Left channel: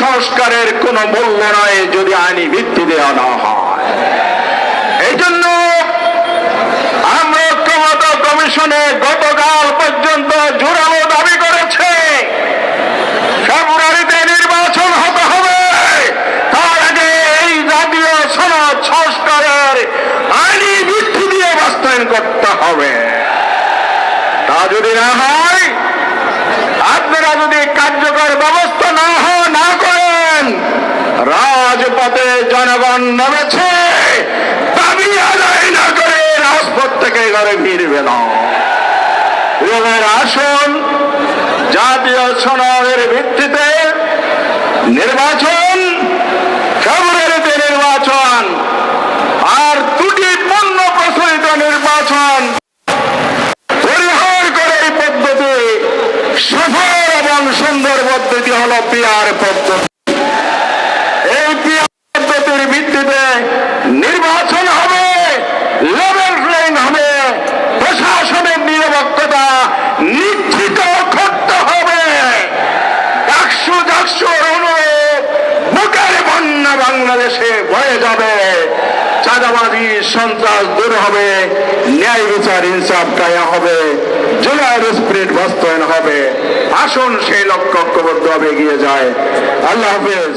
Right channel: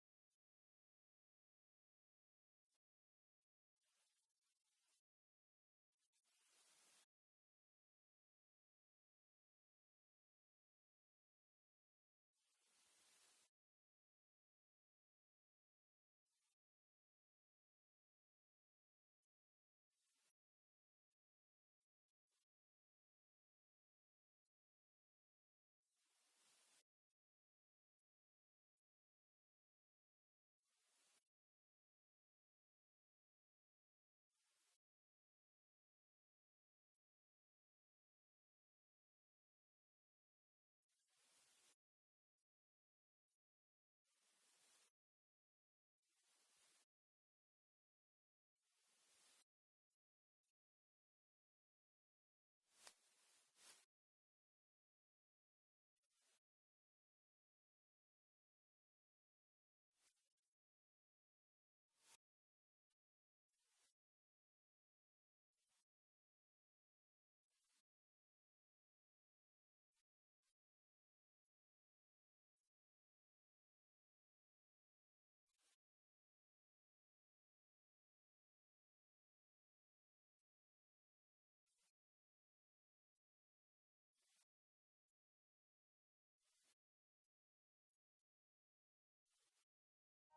সংস্কারের কোনো মূল্য নয় যদি আইনি ভিত্তি দেওয়া না হয়। এই জন্য আমরা ঐক্যমত্য কমিশনে গতকাল পর্যন্ত জোরালো দাবি করেছে ফেব্রুয়ারিতে নির্বাচন হতে হবে, তার আগে এই জাতীয় সনদ সংস্কারের আইনি ভিত্তি দিয়ে বাস্তবায়ন করতে হবে। তা যদি না হয়, আপনারা যদি কার্যকর ব্যবস্থা না করেন, রাজপথে জনগণ নেমেছে, দাবি আদায় না করে রাজপথ থেকে ঘরে ফিরবে না। আসুন জাতীয় সনদের ভিত্তিতে নির্বাচন, ফেব্রুয়ারিতে নির্বাচন, আর ত্রুটিপূর্ণ প্রচলিত নির্বাচন পরিহার করে এই পদ্ধতি সফল এবং সুন্দর পদ্ধতি হল পিআর পদ্ধতি। এই পিআর পদ্ধতির ভিত্তিতে নির্বাচন হবে, লেভেল প্লেইং হবে, প্রশাসনের নিরপেক্ষতা নিশ্চিত করতে হবে। ডাকসুর অনুরোধ বুকের বন্যা বাংলাদেশে বয়ে যাবে, চাঁদাবাজি সন্ত্রাস দূর হবে, ন্যায় বিচার ইনসাফ কায়েম হবে, জুলাইয়ের স্পিরিট বাস্তবায়ন হবে। আসুন সেই লক্ষ্য ঐক্যবদ্ধভাবে এগিয়ে যায়। আল্লাহ হাফেজ।